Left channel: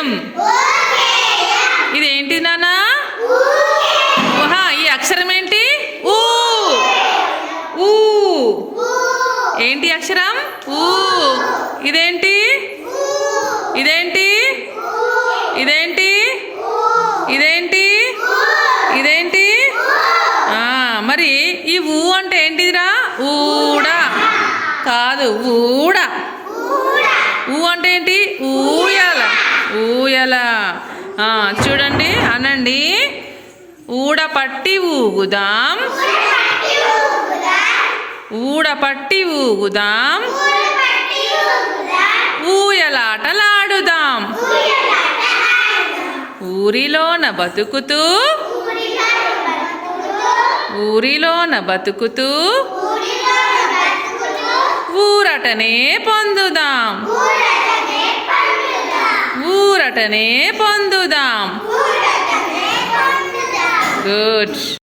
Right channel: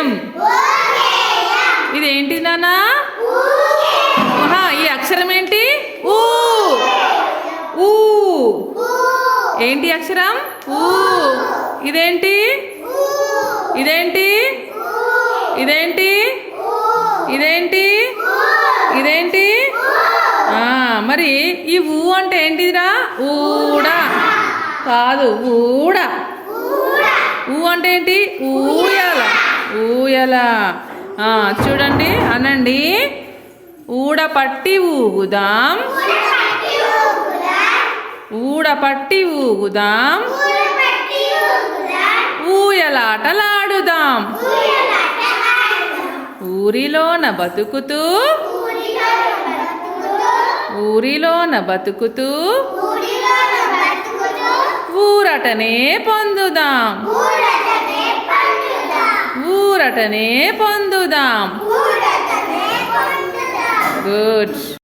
ఉకేయం ఇది ఏంటి నానా? ఊహా ఈ అక్షరం ఏంటి? ఊ. ఊ. ఏంటి అక్షరం? ఊ. ఇదేంటి? ఇదేంటి? ఇదేంటి? ఇదేంటి? ఇదేంటి? మరి ఈ ఊ అంటే ఏంటిదిరా? ఊడా. కాదు ఊడ. ఊ అంటే ఏంటి? ఊయాల ఊయల. చూడండి అనండి. ఊడ పట్టి ఊగుదాం. ఊడ పట్టి ఊగుదాం. ఊయలాటలాడుదాం. ఊరిలోన బతుకుతూ. ఊరిలోన బతుకుతూ. ఊరటనే పొందుదాం. ఊరటనే పొందుదాం. గుడ్.